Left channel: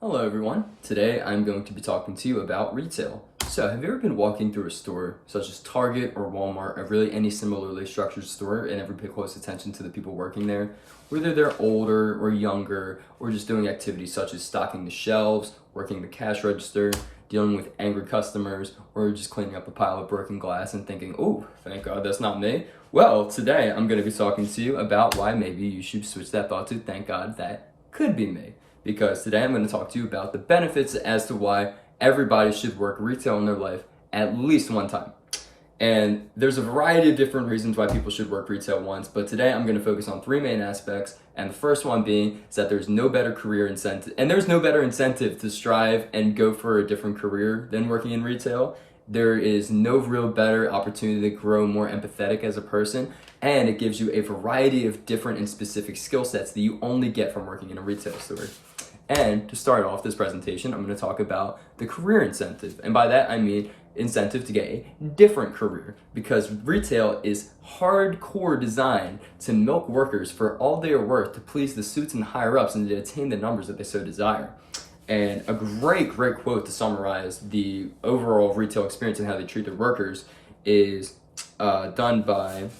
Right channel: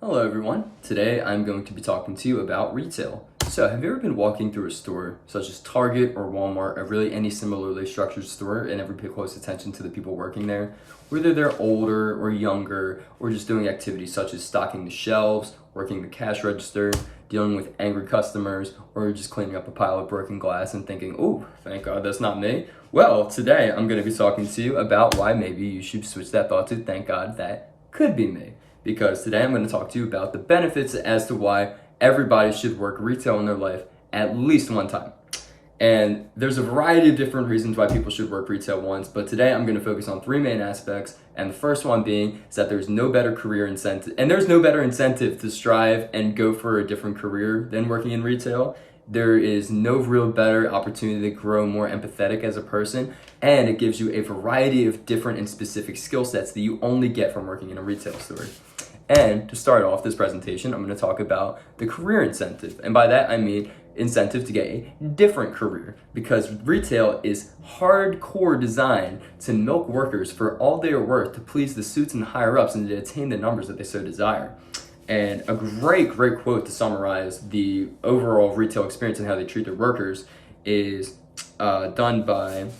Hello everyone. Today I'm going to be talking to you about retail. So have you ever been walking through a store such as Target or Walmart or really any similarly structured store and ever pay close attention to the people working there? Whether they're older or younger or just doing activities such as stocking the shelves, working the cash register, dealing with angry customers, or just cleaning up a pile of broken glass and thinking, oh, thank God that's not me. Well, today I'm going to be talking to you about why maybe you should switch that thought to thank God that could be me. Because today I'm going to talk to you about the benefits as to why everybody should work retail in their life at least one time. And there's a variety of different reasons why people should work retail once, but today I'm going to focus on three main aspects. And the first one being is that there's no better career incentive, and there's no better incentive to strive and go for a different career than working in retail. There is no real better opportunity to grow more empathetic as a person, and it gives you a variety of different and specific skill sets that you only get from working in a retail store. And to start off this presentation, I'm going to talk about the career incentive. And by that, I mean incentive to get a different career, because retail is hardcore designed to milk workers for all they are worth to please the suits and higher ups and to attain the numbers that they so desire. And a great quote to summarize the overall retail experience and how they treat their workers is done by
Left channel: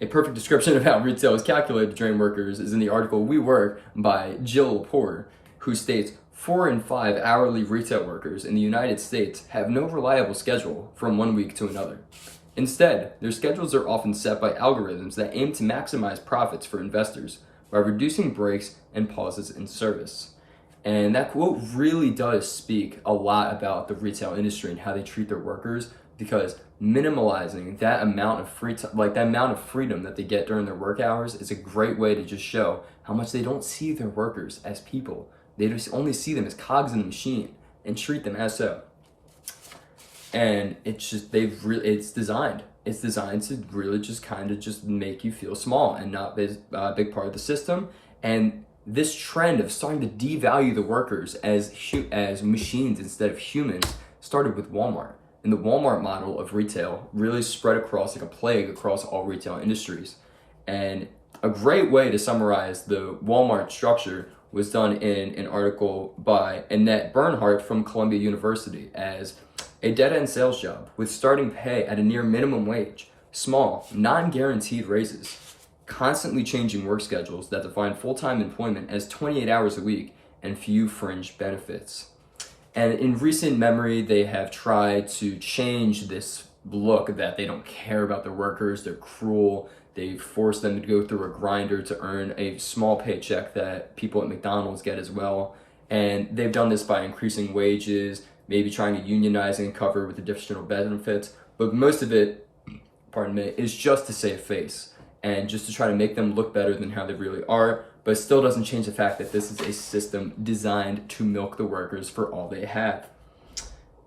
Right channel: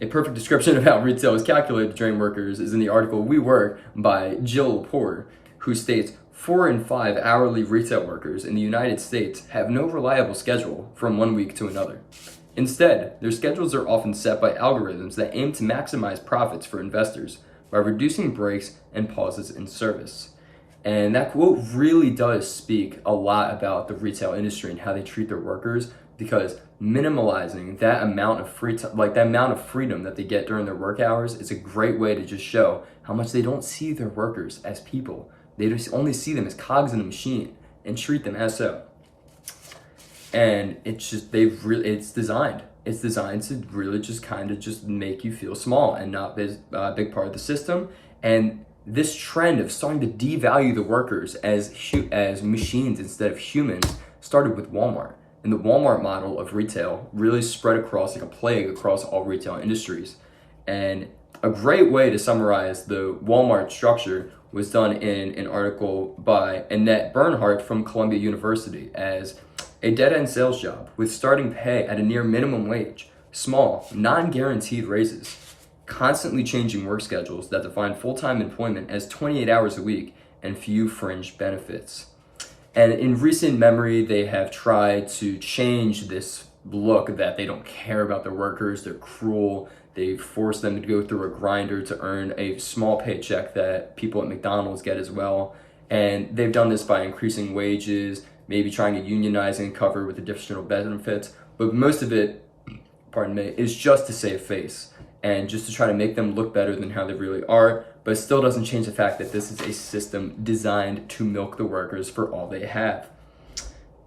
a perfect description of how retail is calculated to train workers is in the article We Work by Jill Porter, who states 4 in 5 hourly retail workers in the United States have no reliable schedule from one week to another. Instead, their schedules are often set by algorithms that aim to maximize profits for investors by reducing breaks and pauses in service. And that quote really does speak a lot about the retail industry and how they treat their workers, because minimalizing that amount of freedom that they get during their work hours is a great way to just show how much they don't see their workers as people. They just only see them as cogs in a machine and treat them as so. And it's designed to really just kind of just make you feel small and not be a big part of the system. And this trend of starting to devalue the workers as machines instead of humans started with Walmart. And the Walmart model of retail really spread across like a plague across all retail industries. And a great way to summarize the Walmart structure was done in an article by Annette Bernhardt from Columbia University as a dead-end sales job with starting pay at a near minimum wage, small, non-guaranteed raises, constantly changing work schedules that define full-time employment as 28 hours a week, and few fringe benefits. And in recent memory, they have tried to change this look that they don't care about their workers, they're cruel, they force them to go through a grinder to earn a small paycheck that people at McDonald's get as well. And they've done this by increasing wages, maybe trying to unionize and cover with additional benefits, but most of it, is just to save face and just to try to make them look better than how they really are. But it still doesn't change the fact that this is a system designed to milk the workers for all they have.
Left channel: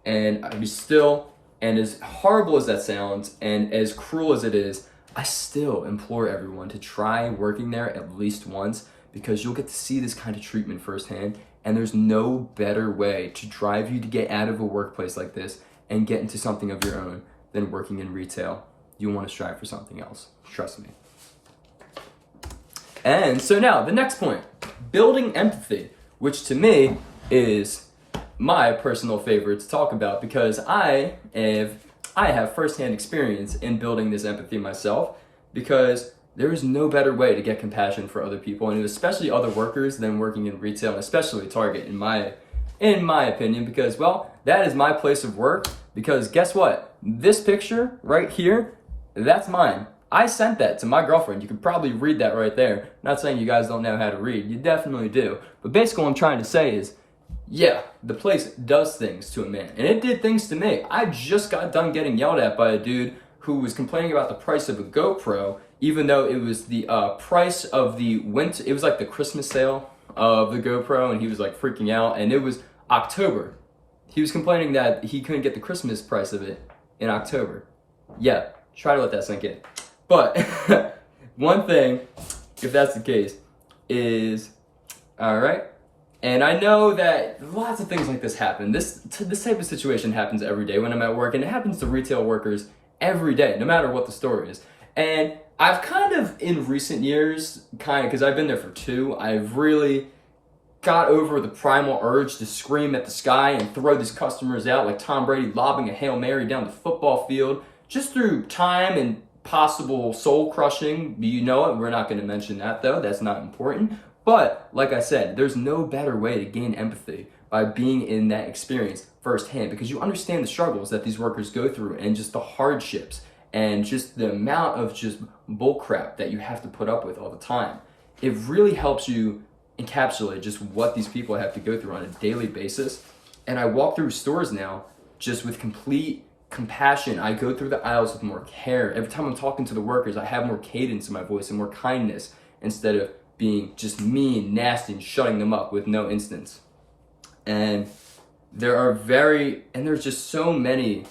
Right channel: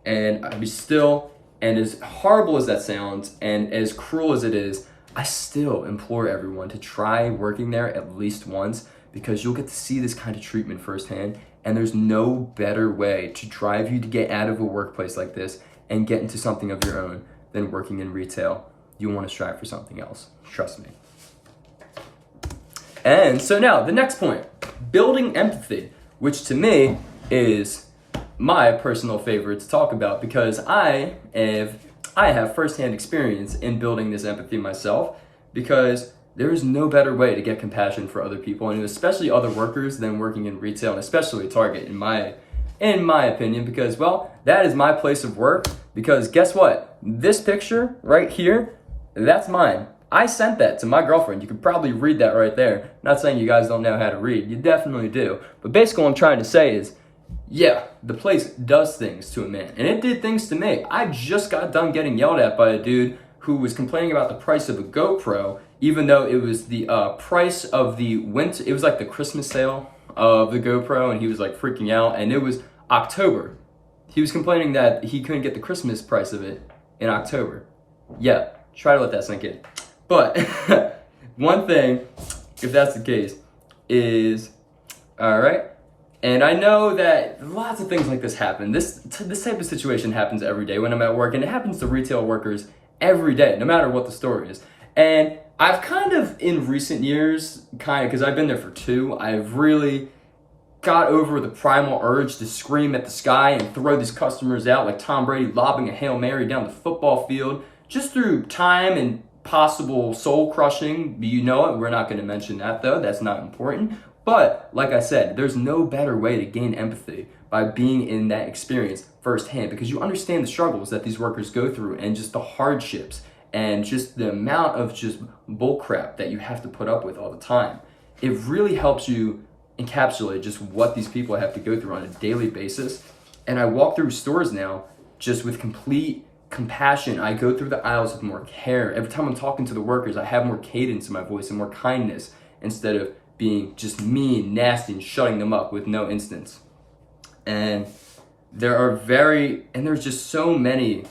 And and as horrible as that sounds, and as cruel as it is, I still implore everyone to try working there at least once, because you'll get to see this kind of treatment firsthand. And there's no better way to drive you to get out of a workplace like this and get into something of your own than working in retail. You want to strive for something else. Trust me. And so now the next point, building empathy, which to me is my personal favorite to talk about, because I have firsthand experience in building this empathy myself, because there is no better way to get compassion for other people, and especially other workers, than working in retail, and especially Target in my opinion, because, well, that is my place of work. Because guess what? This picture right here, that's mine. I sent that to my girlfriend. You could probably read that right there. Not saying you guys don't know how to read. You definitely do. But basically what I'm trying to say is, yeah, the place does things to a man. And it did things to me. I just got done getting yelled at by a dude who was complaining about the price of a GoPro, even though it was the price of the winter. It was like the Christmas sale of the GoPro, and he was like freaking out. And it was October. He was complaining that he couldn't get the Christmas price of it in October. Yeah, try to let that sink in. But one thing, if that's the case, is, all right, and I know that lots of things like this happen. This type of situation happens every day when I'm at work, and it happens to retail workers every day, no matter what the store is. And I've kind of, in recent years, because I've been there for 2, I've really got over the primal urge to scream at the sky and throw these customers out like Tom Brady lobbing a Hail Mary down the football field, just through time and possible soul crushing. You know it. We're not going to mention that though. That's not important. But like I said, there's no better way to gain empathy by being in that experience firsthand, because you understand the struggles that these workers go through and just the hardships and just the amount of just bullcrap that you have to put up with all the time. It really helps you encapsulate just what these people have to go through on a daily basis. And I walk through stores now just with complete compassion. I go through the aisles with more care. Every time I'm talking to the workers, I have more cadence in my voice and more kindness instead of being just mean, nasty, and shutting them up with no instance. And there's just so many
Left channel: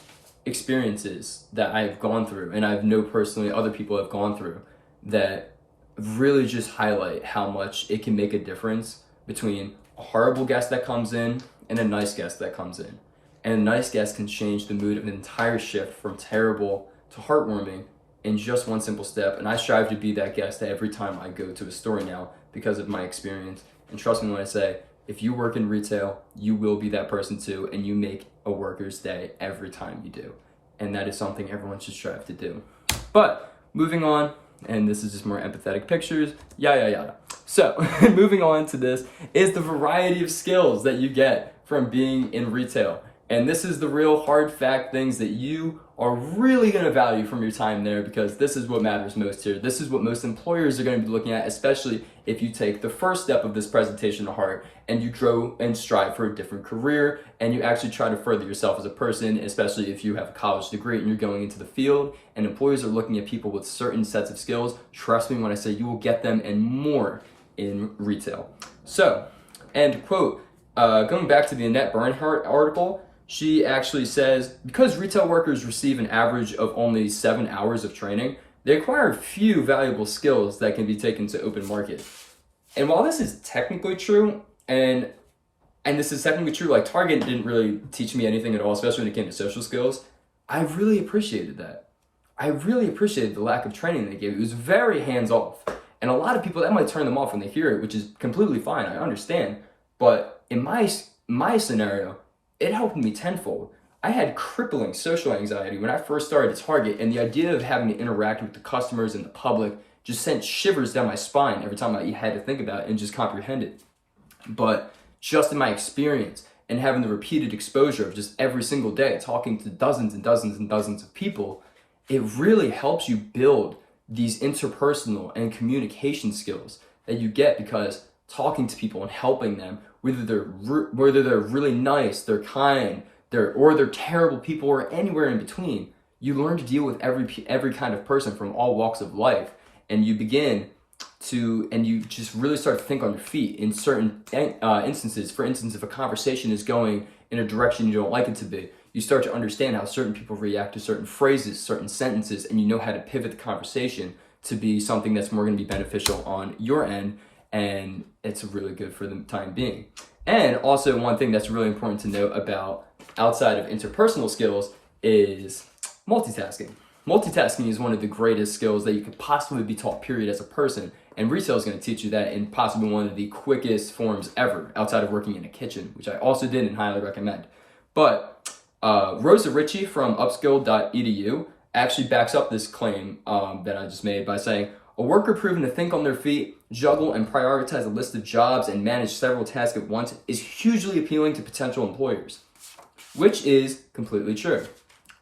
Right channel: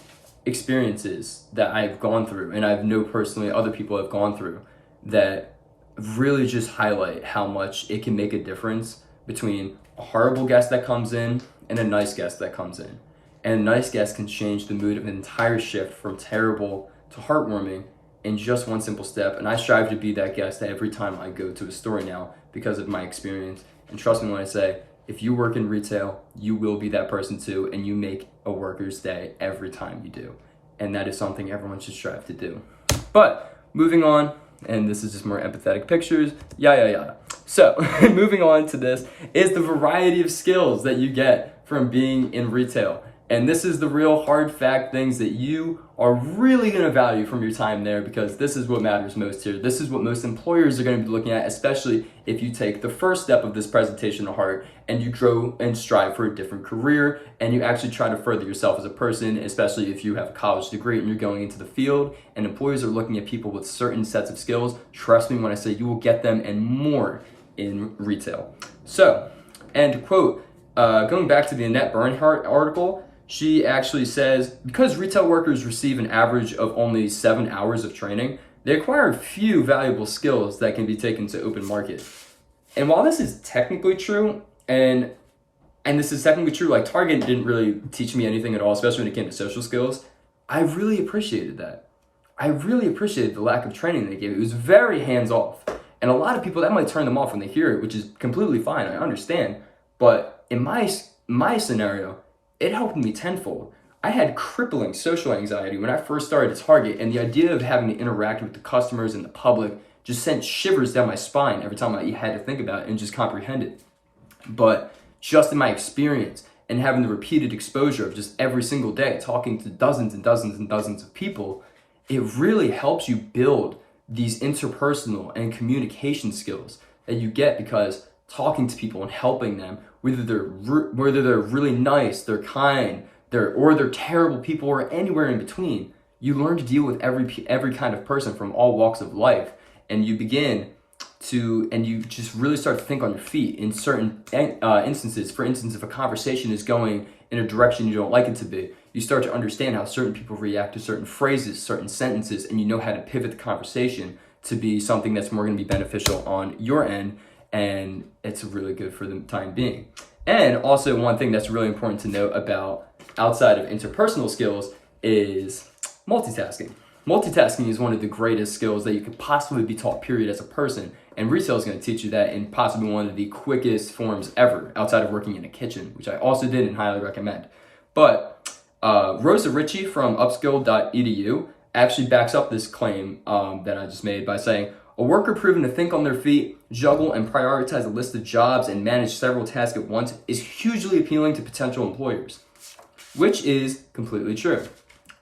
experiences that I've gone through, and I've know personally other people have gone through, that really just highlight how much it can make a difference between a horrible guest that comes in and a nice guest that comes in. And a nice guest can change the mood of an entire shift from terrible to heartwarming in just one simple step. And I strive to be that guest every time I go to a store now because of my experience. And trust me when I say, if you work in retail, you will be that person too, and you make a worker's day every time you do. And that is something everyone should strive to do. But moving on, and this is just more empathetic pictures, yada yada. So moving on to this is the variety of skills that you get from being in retail. And this is the real hard fact, things that you are really going to value from your time there, because this is what matters most here. This is what most employers are going to be looking at, especially if you take the first step of this presentation to heart and you grow and strive for a different career and you actually try to further yourself as a person, especially if you have a college degree and you're going into the field and employers are looking at people with certain sets of skills. Trust me when I say you will get them and more in retail. So, and quote, going back to the Annette Bernhardt article, she actually says, because retail workers receive an average of only 7 hours of training, they acquire few valuable skills that can be taken to open market. And while this is technically true, and this is technically true, like Target didn't really teach me anything at all, especially when it came to social skills, I really appreciated that. I really appreciated the lack of training they gave. It was very hands-off. And a lot of people, that might turn them off when they hear it, which is completely fine, I understand. But in my scenario, it helped me tenfold. I had crippling social anxiety when I first started at Target, and the idea of having to interact with the customers and the public just sent shivers down my spine every time I had to think about it and just comprehend it. But just in my experience and having the repeated exposure of just every single day talking to dozens and dozens and dozens of people, it really helps you build these interpersonal and communication skills that you get because talking to people and helping them, whether they're really nice, they're kind, they're terrible people, or anywhere in between, you learn to deal with every kind of person from all walks of life, and you just really start to think on your feet in certain instances. For instance, if a conversation is going in a direction you don't like it to be, you start to understand how certain people react to certain phrases, certain sentences, and you know how to pivot the conversation to be something that's more going to be beneficial on your end. And it's really good for the time being. And also one thing that's really important to note about outside of interpersonal skills is multitasking. Multitasking is one of the greatest skills that you could possibly be taught, period, as a person. And retail is going to teach you that in possibly one of the quickest forms ever, outside of working in a kitchen, which I also did and highly recommend. But Rosa Ritchie from upskill.edu actually backs up this claim that I just made by saying, a worker proven to think on their feet, juggle and prioritize a list of jobs, and manage several tasks at once is hugely appealing to potential employers, which is completely true.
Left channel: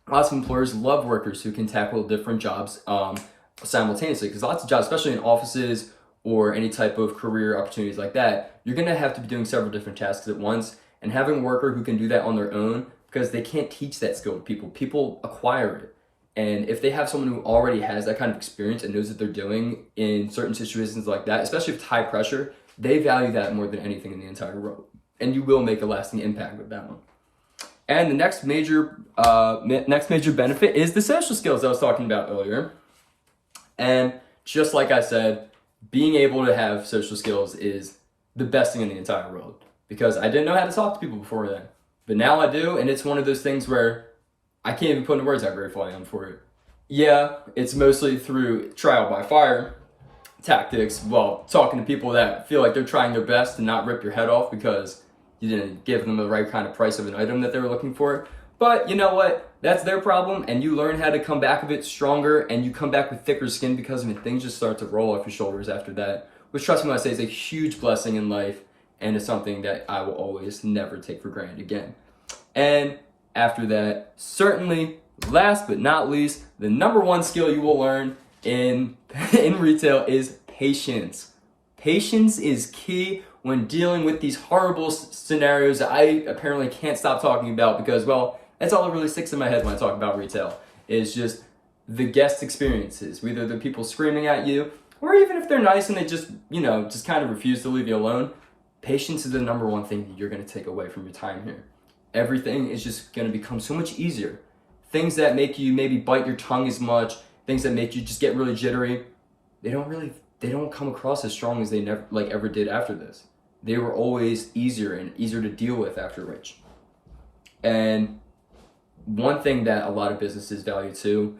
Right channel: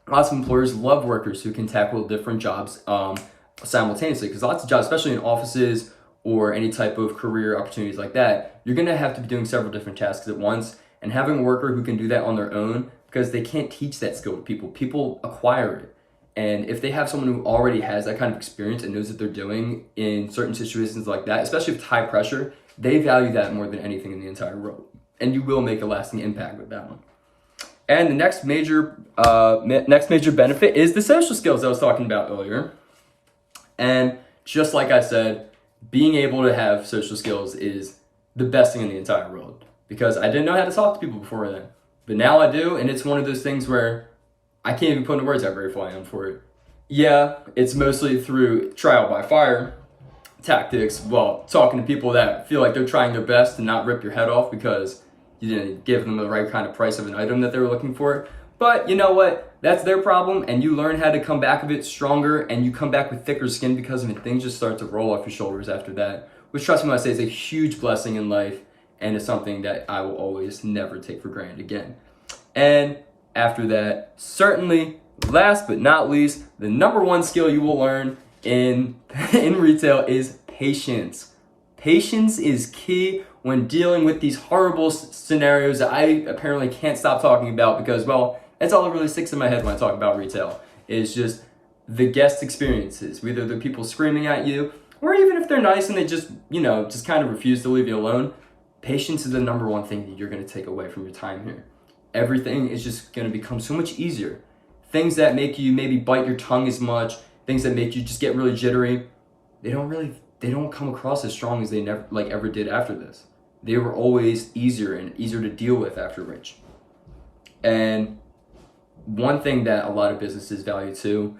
Lots of employers love workers who can tackle different jobs simultaneously, because lots of jobs, especially in offices or any type of career opportunities like that, you're going to have to be doing several different tasks at once, and having a worker who can do that on their own, because they can't teach that skill to people acquire it. And if they have someone who already has that kind of experience and knows what they're doing in certain situations like that, especially with high pressure, they value that more than anything in the entire world. And you will make a lasting impact with that one. And the next major benefit is the social skills I was talking about earlier. And just like I said, being able to have social skills is the best thing in the entire world, because I didn't know how to talk to people before then. But now I do, and it's one of those things where I can't even put into words how grateful I am for it. Yeah, it's mostly through trial by fire, tactics, well, talking to people that feel like they're trying their best to not rip your head off because you didn't give them the right kind of price of an item that they were looking for. But you know what? That's their problem, and you learn how to come back of it stronger, and you come back with thicker skin because of it. Things just start to roll off your shoulders after that, which, trust me when I say, is a huge blessing in life, and it's something that I will always never take for granted again. And after that, certainly, last but not least, the number one skill you will learn in retail is patience. Patience is key when dealing with these horrible scenarios that I apparently can't stop talking about because, well, that's all that really sticks in my head when I talk about retail. It's just the guest experiences, whether the people screaming at you, or even if they're nice and they just, just kind of refuse to leave you alone. Patience is the number one thing that you're going to take away from your time here. Everything is just going to become so much easier. Things that make you maybe bite your tongue as much, things that make you just get really jittery, they don't come across as strong as they ever did after this. They were always easier and easier to deal with after which. And one thing that a lot of businesses value too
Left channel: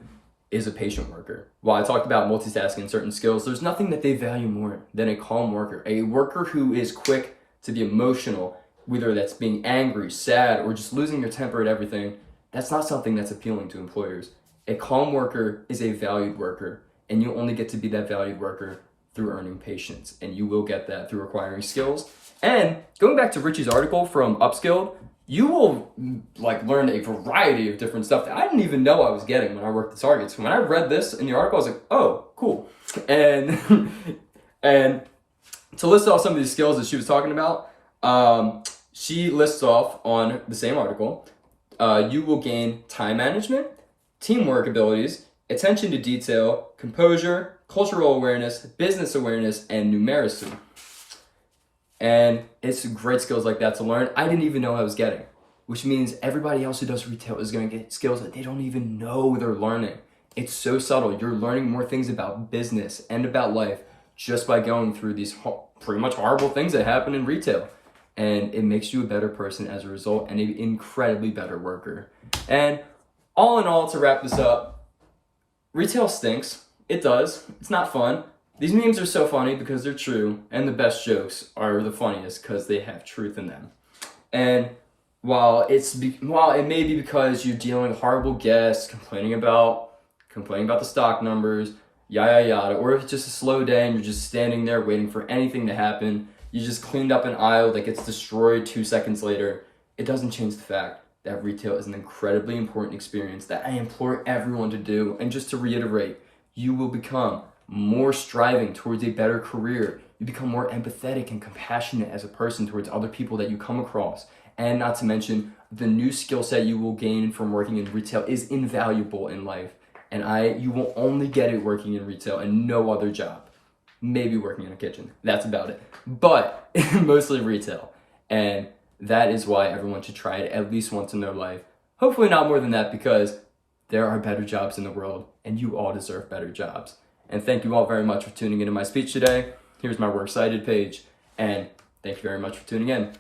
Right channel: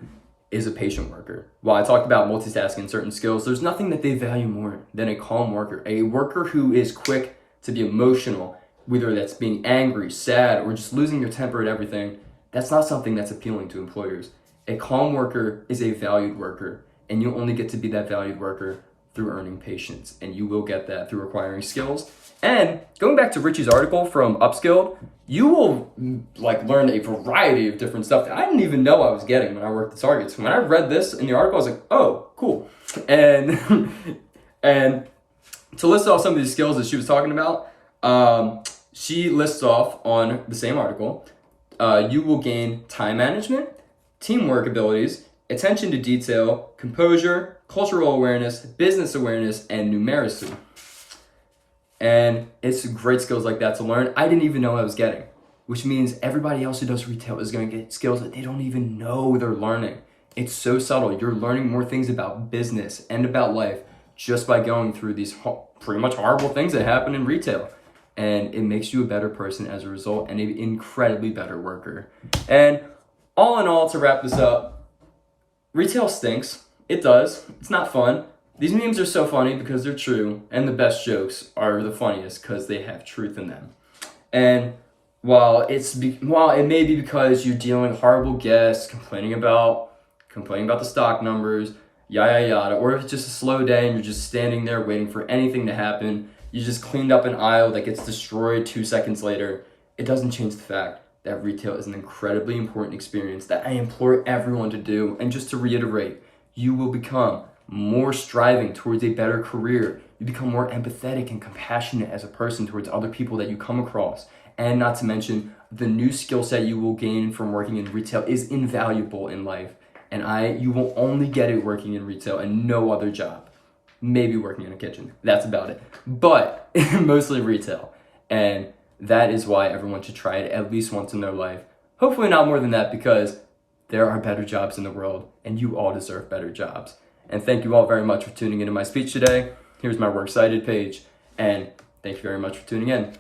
is a patient worker. While I talked about multitasking and certain skills, there's nothing that they value more than a calm worker. A worker who is quick to be emotional, whether that's being angry, sad, or just losing your temper at everything. That's not something that's appealing to employers. A calm worker is a valued worker, and you'll only get to be that valued worker through earning patience, and you will get that through acquiring skills. And going back to Richie's article from Upskilled, you will learn a variety of different stuff that I didn't even know I was getting when I worked at Targets. When I read this in the article, I was like, oh, cool. And and to list off some of these skills that she was talking about, she lists off on the same article, you will gain time management, teamwork abilities, attention to detail, composure, cultural awareness, business awareness, and numeracy. And it's great skills like that to learn. I didn't even know I was getting, which means everybody else who does retail is going to get skills that they don't even know they're learning. It's so subtle. You're learning more things about business and about life just by going through these pretty much horrible things that happen in retail. And it makes you a better person as a result and an incredibly better worker. And all in all, to wrap this up, retail stinks. It does. It's not fun. These memes are so funny because they're true, and the best jokes are the funniest because they have truth in them. And while it may be because you're dealing with horrible guests, complaining about the stock numbers, yada yada, or if it's just a slow day and you're just standing there waiting for anything to happen, you just cleaned up an aisle that gets destroyed 2 seconds later, it doesn't change the fact that retail is an incredibly important experience that I implore everyone to do. And just to reiterate, you will become more striving towards a better career. You become more empathetic and compassionate as a person towards other people that you come across. And not to mention, the new skill set you will gain from working in retail is invaluable in life. And you will only get it working in retail and no other job. Maybe working in a kitchen. That's about it. But mostly retail. And that is why everyone should try it at least once in their life. Hopefully not more than that, because there are better jobs in the world and you all deserve better jobs. And thank you all very much for tuning into my speech today. Here's my Works Cited page, and thank you very much for tuning in.